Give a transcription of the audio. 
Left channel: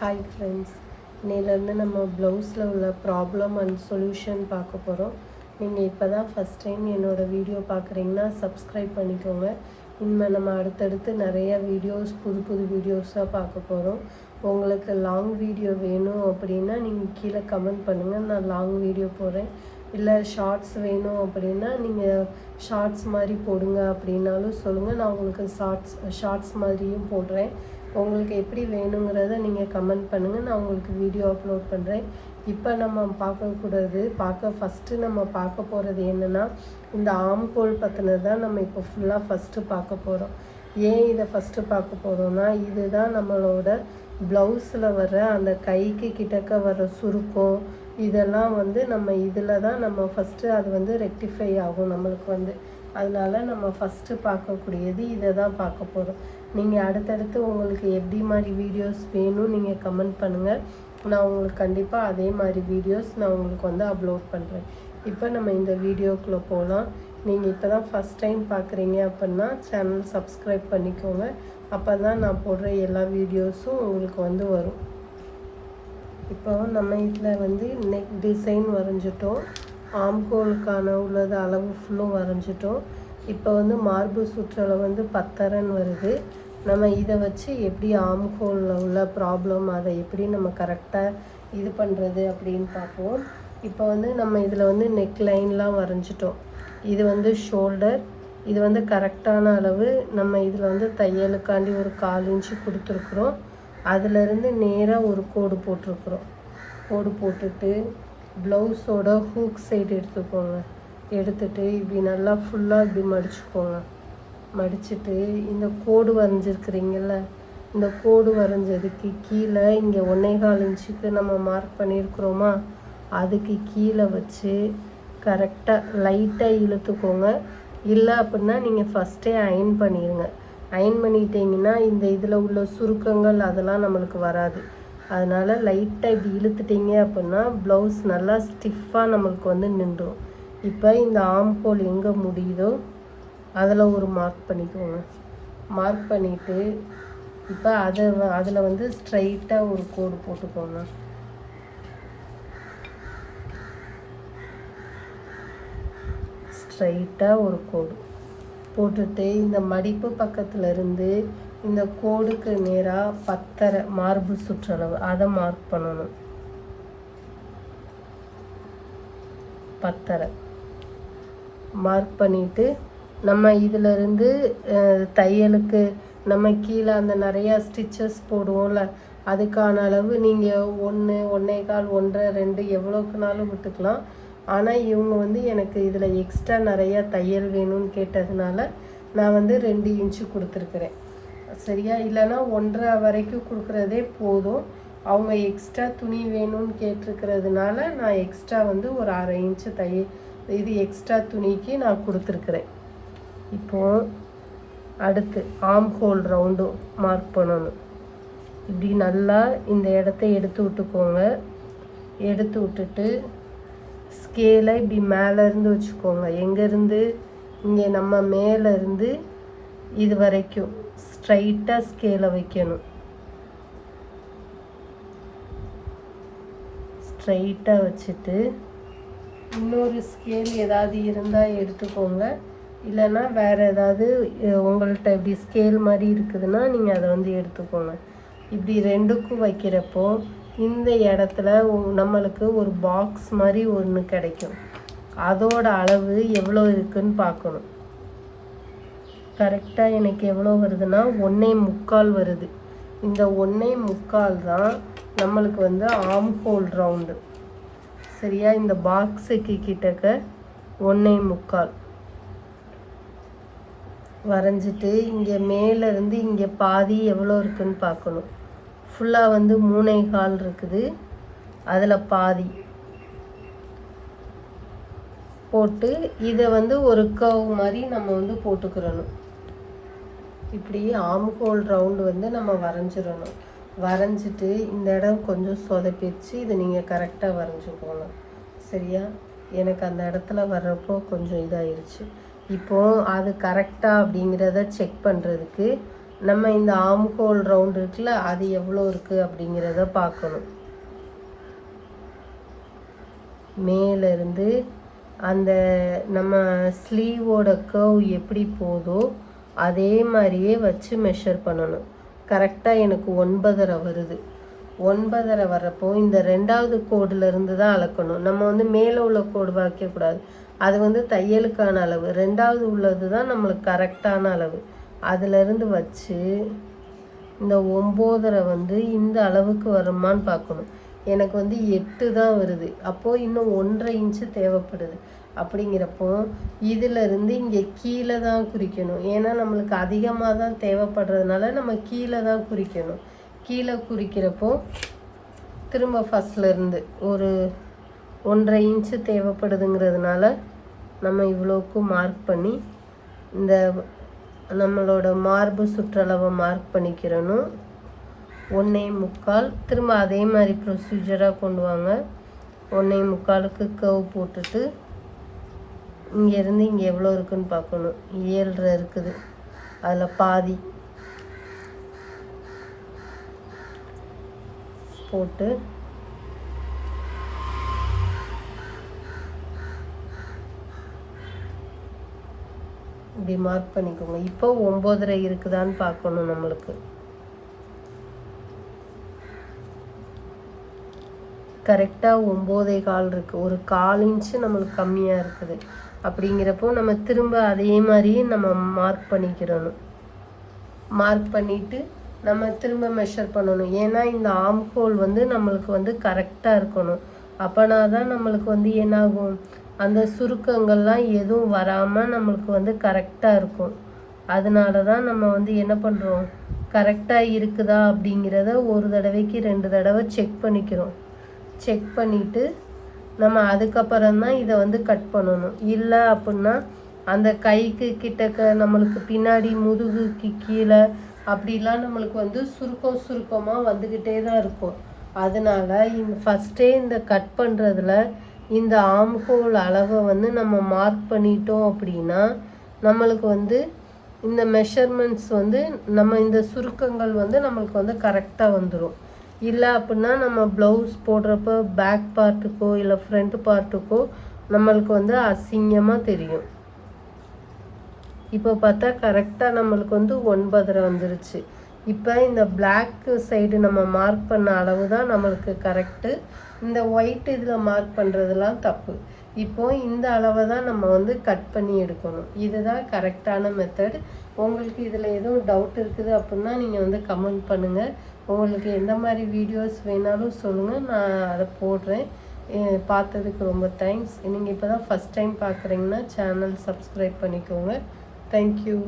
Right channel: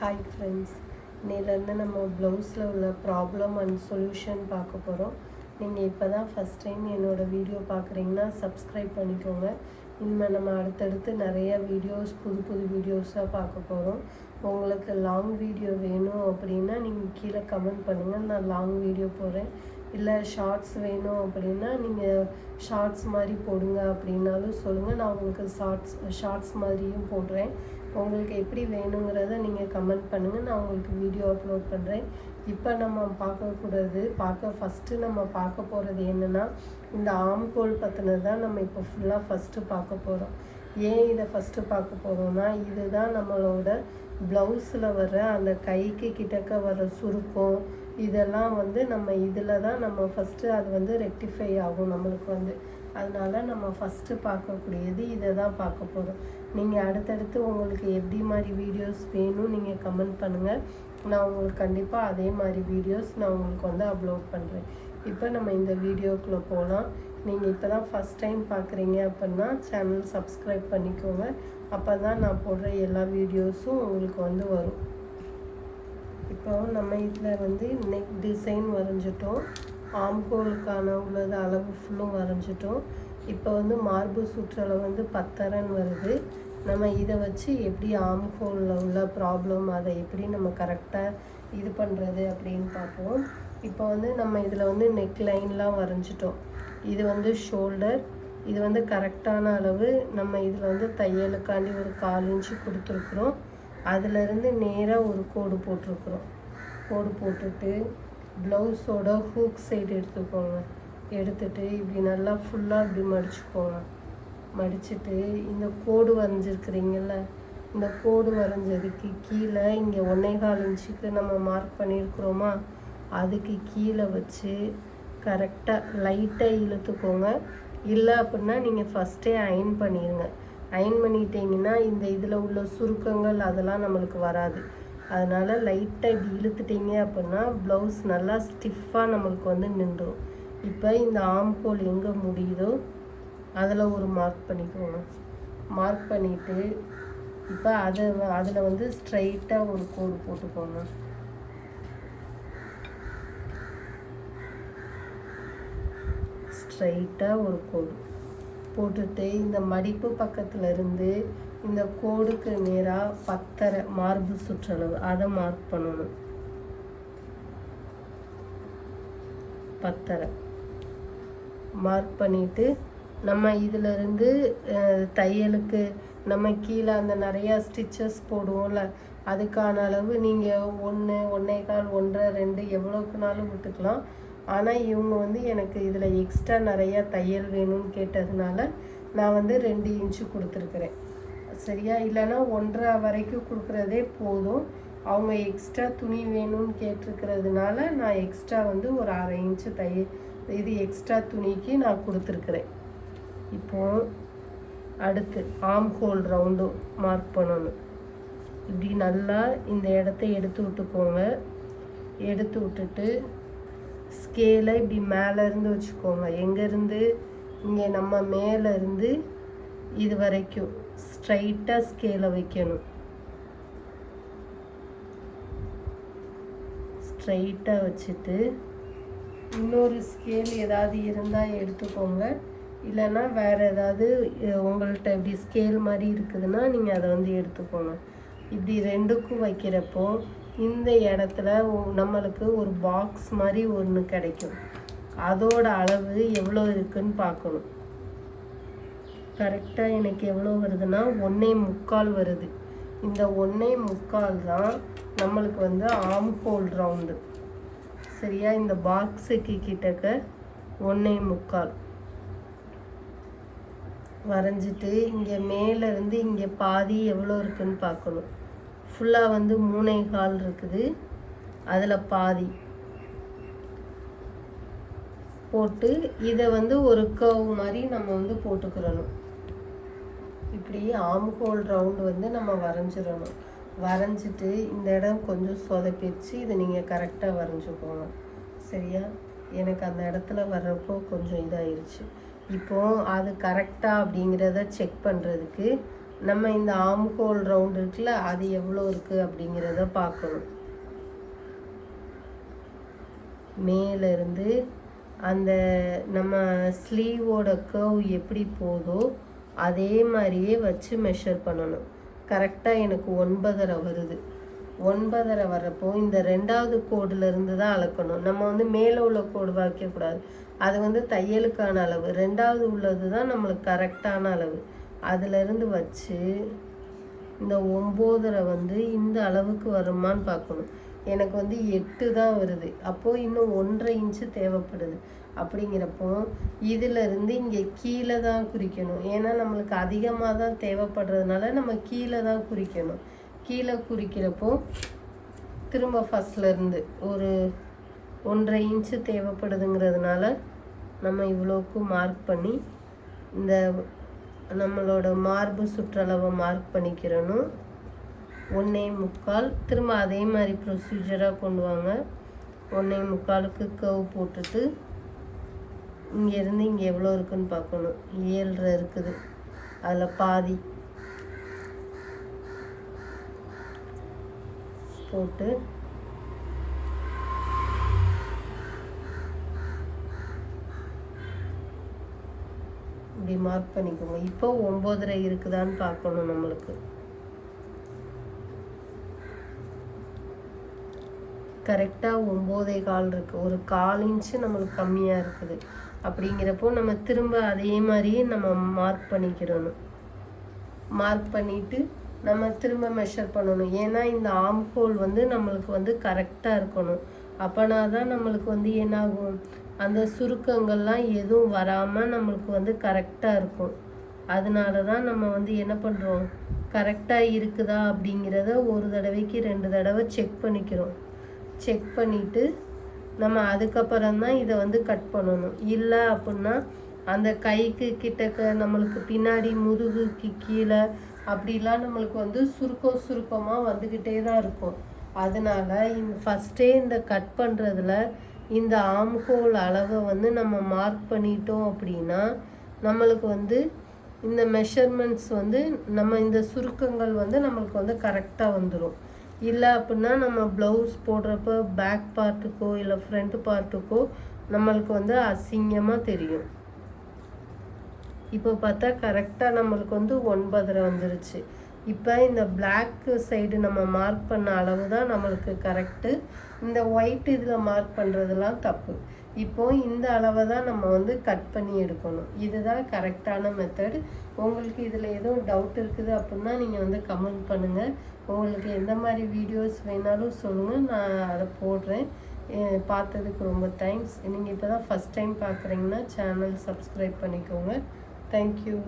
Hi friends, இன்னிலேருந்து நம்ம ப்ளவுஸில் உள்ள ப்ராப்ளம் அண்ட் சொல்யூஷன் பார்க்க போகிறோம். நீங்கள் இப்போ தான் ஃபஸ்ட் டைம் என்னோடய வீடியோ பார்க்குறீங்கன்னா சப்ஸ்கிரைப் பண்ணிக்கோங்க. இனிமேல் நம்ம அடுத்தடுத்து நிறைய வீடியோஸ் புது வீடியோஸாக பார்க்க போகிறோம். உங்களுக்கு லாங் வீடியோ வேணும் அப்படின்னா நீங்கள் கீழே கமெண்ட் பண்ணுங்கள், நான் லாங் வீடியோ போடுறேன். இல்லை ஷார்ட்ஸ் வேணும் அப்படின்னா நீங்கள் ஷார்ட்ஸ் மாதிரி போடுங்க அப்படின்னாலும் சொல்லுங்கள், நான் உங்களுக்கு ஷார்ட்ஸ் மாதிரியும் போடுறேன். உங்களுக்கு எப்படி வேணுங்கிறத நீங்கள் கமெண்ட் பண்ணுங்கள், நான் உங்களுக்கு வீடியோ அப்லோட் பண்ணுறேன். இப்போ நம்ம ஃபஸ்ட்டு நம்ம பார்க்க போகிறது என்னென்னா, இந்த ஆம்ஹோல் பற்றினது தான் நம்ம இப்போ ஃபஸ்ட்டு பார்க்க போகிறோம். ஏன் இதை ஃபஸ்ட்டு பார்க்க போகிறோம்னா, இதுதான் நம்மளோட ப்ளவுஸில் வர அந்த கைக்கு கிட்டக்க வர சுருக்கம், இதெல்லாம் நம்ம இதில் தான் நம்ம ஃபஸ்ட்டு அது ரெக்டிஃபை ஆகும் நம்மளுக்கு. அதனால் நம்ம ஃபஸ்ட்டு பார்க்கக்கூடியது இதை தான் பார்க்க போகிறோம். நீங்கள் அடுத்தடுத்து உங்களுக்கு எப்படி மாதிரி வீடியோஸ் வேணும் நீங்கள் கமெண்ட் பண்ணுங்கள், நான் உங்களுக்கு கண்டிப்பாக அதே மாதிரி வீடியோஸ் நான் உங்களுக்கு அப்லோட் பண்ணுறேன். இப்போ நம்ம இந்த வீடியோக்குள்ளே போகலாம். நீங்கள் இப்போ தான் ஃபஸ்ட் டைம் பார்க்குறீங்க அப்படின்னா சேனல் சப்ஸ்கிரைப் பண்ணிக்கோங்க. அப்போ தான் நான் போடுற எல்லா வீடியோஸும் உங்களுக்கு வரும். இப்போ நம்ம இதில் நெக் டிசைன் வரைஞ்சிட்டோம், ஆம்ஹோலுக்கான உள்ளது அளவு ஃபுல்லும் வரைஞ்சிட்டோம். இப்போ மார்பு சுற்றளவு 10 வருது. நம்ம இதை வச்சு எப்படி ஆம்ஹோலில் உள்ள ப்ராப்ளம் அதை எப்படி நம்ம கரெக்டாக இது பண்ணுறது அப்படின்னு பார்ப்போம். இப்போ நம்ம இதில் நெக் லைன்லாம் வரைஞ்சிட்டோம். இது ஷோல்டர், இது கரெக்டான அளவு. நம்ம இதில் தையலுக்காண்டி ஒரு 1/4 இன்ச்சு கொடுத்துருக்குறோம். அதிலிருந்து நேராக ஒரு கோடு போட்டிருக்குறோம். கோடு போட்டுட்டு ப்ளவுஸோட ஹூக் சைடு எடுத்துட்டு இப்படி நல்லா ஃபுல்லாக இப்படி மடிச்சுக்கோங்க. மடிச்சுட்டு இந்த கோடு வரைஞ்சிருக்கிறீங்கள, இந்த கோடு வரைஞ்சதுக்கு கீழே இங்கே 1.25 இன்ச்சுக்கு நம்ம மார்க் பண்ணியிருக்கிறோமா, அதுக்கு கீழே வச்சு கரெக்டாக லைட்டாக இழுத்துக்கோங்க. இல்லை அப்படின்னா நீங்கள் ஃபஸ்ட்டே அயன் பண்ணிடுங்க. அயன் பண்ணிட்டீங்கன்னா இந்த இதில் உள்ள சுருக்கங்கள் அதெல்லாம் நம்மளுக்கு வராது. அதனால் லைட்டாக இப்படி இழுத்துட்டிங்க அப்படின்னா ப்ளவுஸ் நல்லா ஸ்டிஃபாக நம்மளுக்கு நின்றுடும். இப்போ இந்த ஆம்ஹோல் எங்கே முடியுதோ அதில் ஒரு மார்க் பண்ணிக்கோங்க. மார்க் பண்ணிவிட்டு இப்போ அதில் ஸ்ட்ரைட்டாக ஒரு கோடு போட்டுக்கோங்க. ஸ்ட்ரைட்டாக ஒரு கோடு போட்டுட்டு இந்த மடிப்பு பக்கத்தில் இருந்து இந்த கோடுக்கு நேராக 10 மார்பு சுற்றளவு அதை மார்க் பண்ணணும். 10 மார்க் பண்ணிவிட்டு நம்ம இதிலிருந்து தையலுக்கு நம்ம கீழே அந்த நிறையா ஸ்டிச்சஸ் போடுவோம்ல, அதுக்கான அளவு நீங்கள் 1, 1.25, 1, 2 எவ்வளோக்குனாலும் விட்டுக்கலாம். ஆனால் இவங்க எனக்கு இதில் எக்ஸ்ட்ரா நிறையா தையல் வேணும்னு கேட்டதுனால நான் 2 இன்ச்சு கொடுத்துருக்குறேன். சரியா? இல்லைன்னா 1.5 வரைக்கும் கொடுக்குறதே போதும். அவங்க எக்ஸ்ட்ரா துணி வேணும்னு கேட்டிருக்கிறதுனால நான் எக்ஸ்ட்ரா ஒரு 1/2 இன்ச்சு இது எக்ஸ்ட்ரா துணிக்கு நான் கொடுத்துருக்குறேன். இப்போது அடுத்து ஆம்ஹோல் ரவுண்டும் மார்க் பண்ணணும். இப்படி நல்லா இந்த இடத்த எடுத்து விட்டுக்கோங்க. எடுத்து விட்டுட்டு ஸ்கேலை இப்படி மேலேருந்து வச்சுக்கோங்க. எங்கேருந்து? இங்கே நம்ம மேலேருந்து இது வரைக்கும் ஸ்ட்ரைட்டாக ஸ்கேலை வைக்கணும். ஸ்ட்ரைட்டாக வச்சுட்டு இன்னொரு ஸ்கேல் ஏதாவது இருந்தால் எடுத்துக்கோங்க. இல்லைன்னா வேறு ஏதாவது உங்கள்கிட்ட இப்படி ஸ்கேல் மாதிரி இருக்குதுன்னா நீங்கள் அதை எடுத்துக்கோங்க. இப்படி 2க்கும் வைக்கிறப்போ இந்த இடத்துல நம்மளுக்கு ஒரு பாக்ஸ் மாதிரி ஒன்று கிடைக்கும். அதோட அளவு எவ்வளோ இருக்குதுன்னு பார்க்கணும். கரெக்டாக எனக்கு எவ்வளோ வருதுன்னா 1.25 வருது. இந்த 1.25 தான் நம்மளுக்கு ஆம்ஹோல் ரவுண்டு. சரியா? இந்த பாக்ஸுக்கு கிட்டக்க 1.25 வரைஞ்சிட்டு இங்கே மேலேருந்து இங்கே பாதி எவ்வளோ இருக்குதுன்னு பார்க்கணும். ஃபுல்லாக 3.25 இருக்குது, அதில் பாதி போட்டு இதை ஒரு கர்வ் மாதிரி நம்ம போட்டுக்கிறணும். இப்படி ஆம்ஹோல் ரவுண்டு நம்ம வரைஞ்சிடணும். வரைஞ்சிட்டு இந்த இடம் கொஞ்சம் சொதப்பிடுச்சு, இதை நீங்கள் கரெக்டாக வரைஞ்சிக்கோங்க. சரியா? எனக்கு அந்த இடத்துல வர்றப்போ கொஞ்சம் இதாகிடுச்சு. இப்போது அது கரெக்டாக அப்படிங்கிறத செக் பண்ணுறதுக்கு நம்ம இந்த ஆம் ஹோல் ரவுண்ட் இருக்குல்ல, அது எவ்வளோ இருக்குது அப்படிங்கிறத பார்க்கணும். மேலேருந்து அந்த நம்ம ஸ்லீவோட கர்வ் எப்படி போதோ அதே மாதிரியே வச்சு மெஷர் பண்ணணும். கரெக்டாக எனக்கு 9.5 வருது. 9.5 வர்றப்போ இந்த 2வது கோடுலேருந்து தான் அளக்கணும். நம்ம வந்து மேலே உள்ள கோடு வைக்கக்கூடாது, அது வந்து தையலுக்கான அளவு. 2வது உள்ளது தான் நம்மளுக்கு கரெக்டான அளவு. அதிலிருந்து வச்சு இந்த 9.5 வந்து இந்த அளவுக்கு வருமானு பார்க்கணும். எனக்கு வந்து 8 தான் வருது. அப்போது இன்னும் 1.5 இன்ச்சு தேவைப்படுது. அப்படிங்கிறப்போ இதிலிருந்து இங்கே கீழே தான் குறிக்கணும். ஏன்னா நம்மளுக்கு அதிகமாக தான் தேவைப்படுறதுனால நம்ம கீழே தான் குறிக்கணும். கீழே குறிக்கிறப்போ திரும்ப ஃபஸ்ட்லேருந்து ஒரு 1.5 இன்ச்சு தேவைப்படுதுங்கிறதுனால நம்ம இவ்வளோக்கு மார்க் பண்ணி இந்த நம்மளோட மார்பு சுற்றளவை மார்க் பண்ணிக்கிறணும். 1.25. திரும்ப அதே மாதிரி ப்ரொசீஜராக கொண்டு வாங்க. 1.25க்கு கர்வ் போட்டுட்டு இங்கேருந்து இங்கே எவ்வளோ இருக்குதுன்னு பார்க்கணும். 7.5 இருக்குது, அதில் பாதி போட்டு இப்படி மார்க் பண்ணிக்கோங்க. இப்போ 9.5 இருக்குதான்னு பார்க்கணும். நம்மளுக்கு கரெக்டாக 9.25 இருக்குது. ஒரு 1/4 இன்ச்சு நம்மளுக்கு கம்மியாக இருக்குது. அப்படிங்கிறப்போ நம்ம திரும்ப அதே மாதிரியே நம்ம மார்க் பண்ணிக்கிறணும். மார்க் பண்ணிவிட்டு நம்ம திரும்ப மெஷர் பண்ணணும். ஏன்னா இந்த ஆம் ஹோல் வந்து நம்மளுக்கு வந்து கரெக்டாக இருக்கணும். அப்போனா தான் நம்மளுக்கு வந்து என்னாகும், அந்த சுருக்கங்கள்லாம் எதுவும் வராமல் நம்மளுக்கு வந்து கரெக்டாக இருக்கும். அதனால தான் நம்ம வந்து என்ன பண்ணுறோம், கரெக்டாக இருக்குதா அப்படிங்கிறத ஒரு தடவைக்கு 2 தடவை செக் பண்ணிக்கிறோம். செக் பண்ணிவிட்டு நம்ம அதுக்கப்புறம் தான் இதை வந்து கட் பண்ணணும். இல்லை அப்படின்னா அந்த கைக்கு கிட்டக்க நம்மளுக்கு பின்னாடி முதுகுக்கு கீழே அப்படிலாம் நம்மளுக்கு வந்து சுருக்கமாக வந்துக்கிட்டே தான் இருக்கும். அதனால் ஃபஸ்ட்டே இந்த கட் பண்ணுறதுல இந்த ஆம் ஹோல் அளவை வந்து நம்ம மார்க் பண்ணிட்டோம் அப்படின்னா நம்மளுக்கு வந்து இந்த மெஷர்மெண்ட்ஸ் வந்து நம்ம இந்த சுருக்கங்கள் வந்து நம்மளுக்கு வந்து கரெக்டாக வந்துடும். இல்லை அப்படின்னா நம்ம ப்ளவுஸ் போடுறப்ப பேக் பார்ட்டுக்கோ இல்லை ஃப்ரண்ட் பார்ட்டுக்கோ நம்மளுக்கு வந்து அசிங்கமாக தெரியும். இப்போ பார்த்தா கரெக்டாக நம்மளுக்கு வந்து 9.5 வந்துருச்சு. இப்போ இந்த பிளாக் சைடு நம்ம மார்க் பண்ண அளவு தான் நம்மளுக்கு கரெக்டு. இந்த ஒயிட் இதில் மார்க் பண்ணுறதுலாம் தப்பு. இப்போது இந்த அளவை தான் நம்ம வந்து கட் பண்ணி எடுக்கணும். இதுதான் கரெக்டான மெத்தட். உங்களுக்கு இதில் எதுவும் டவுட் இருக்குது அப்படின்னா நீங்கள் வந்து கமெண்ட் பண்ணுங்கள். உங்களுக்கு எந்த மாதிரி வீடியோஸ் வேணாலும் சொல்லுங்கள், நான் அதை போடுறேன். பார்த்ததுக்கு ரொம்ப தேங்க்ஸ். நீங்கள் இப்போ தான் ஃபஸ்ட் டைம் பார்க்குறீங்கன்னா சேனல் சப்ஸ்கிரைப் பண்ணிக்கோங்க. தேங்க்யூ.